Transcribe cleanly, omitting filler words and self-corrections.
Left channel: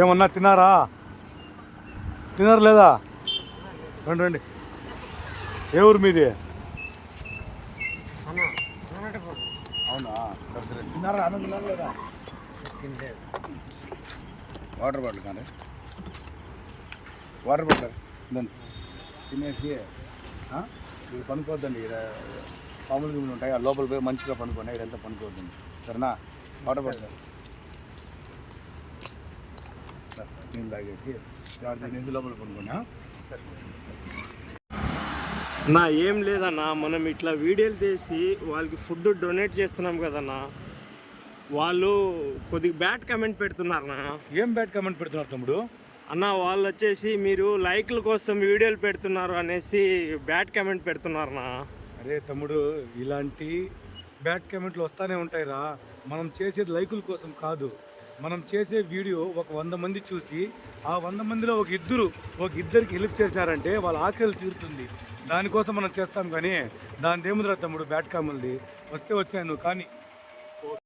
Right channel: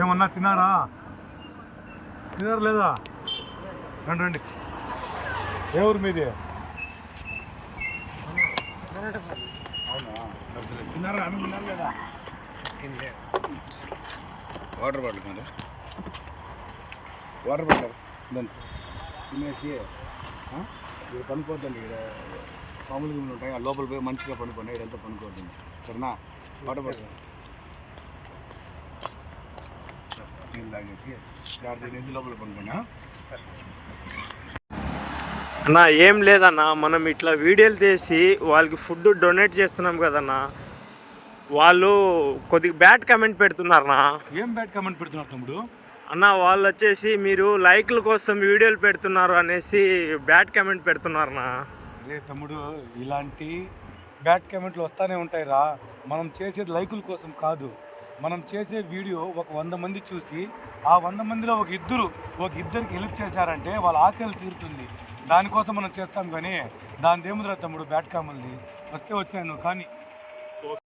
ఏమన్నా తిన్నారా? తిన్నారు లేదా? రండి రండి. ఏ ఊరు మీది? తిన్నారా? ఆమె తిన్నారు లేదా? వాటర్ బాటిల్ కానీ వాటర్ బాటిల్ తినేసి ఇది పనుకోవద్దండి. ఇక్కడ మామూలుగా ఉంటాయి, ఆ లోపల పోయి మంచిగా పనుకోండి. ఇదంతా పనుకోవద్దండి, సరేనా? వాటర్ బాటిల్ నీళ్ళు తాగేసి తినేసి లోపల పనుకోండి. సరే అన్నా, ఏం లేదన్నా, మనం ఇట్లా వీడియోలు తీసి వాళ్ళకి ఫుడ్ డొనేట్ చేస్తున్నాం కదన్నా, వాళ్ళు కొద్దిగా బ్యాడ్ కామెంట్ పెడుతున్నారన్నా. ఏం బ్యాడ్ కామెంట్ పెడుతున్నారు తమ్ముడు? అన్న, వాళ్ళు వచ్చేసి మీరు లైక్ల కోసం వీడియోలు పెడుతున్నారు అనేసి బ్యాడ్ కామెంట్ పెడుతున్నారన్నా. అదే తమ్ముడు, ఇలాంటి బ్యాడ్ కామెంట్లు వస్తూనే ఉంటాయిరా. మనం చేసేది లైకుల కోసం కాదు. మనం చేసే వీడియో ఒక 100 మంది చూసి ఆ 100 మందిలో ఒక ఇద్దరికి హెల్ప్ చేసినారంటే వాళ్ళ ఆకలి తీరుతుంది. దానికోసం మనం చేస్తాం. కానీ దాని ఏముందిరా తమ్ముడు, బ్యాడ్ కామెంట్ది వస్తే వచ్చాను కానీ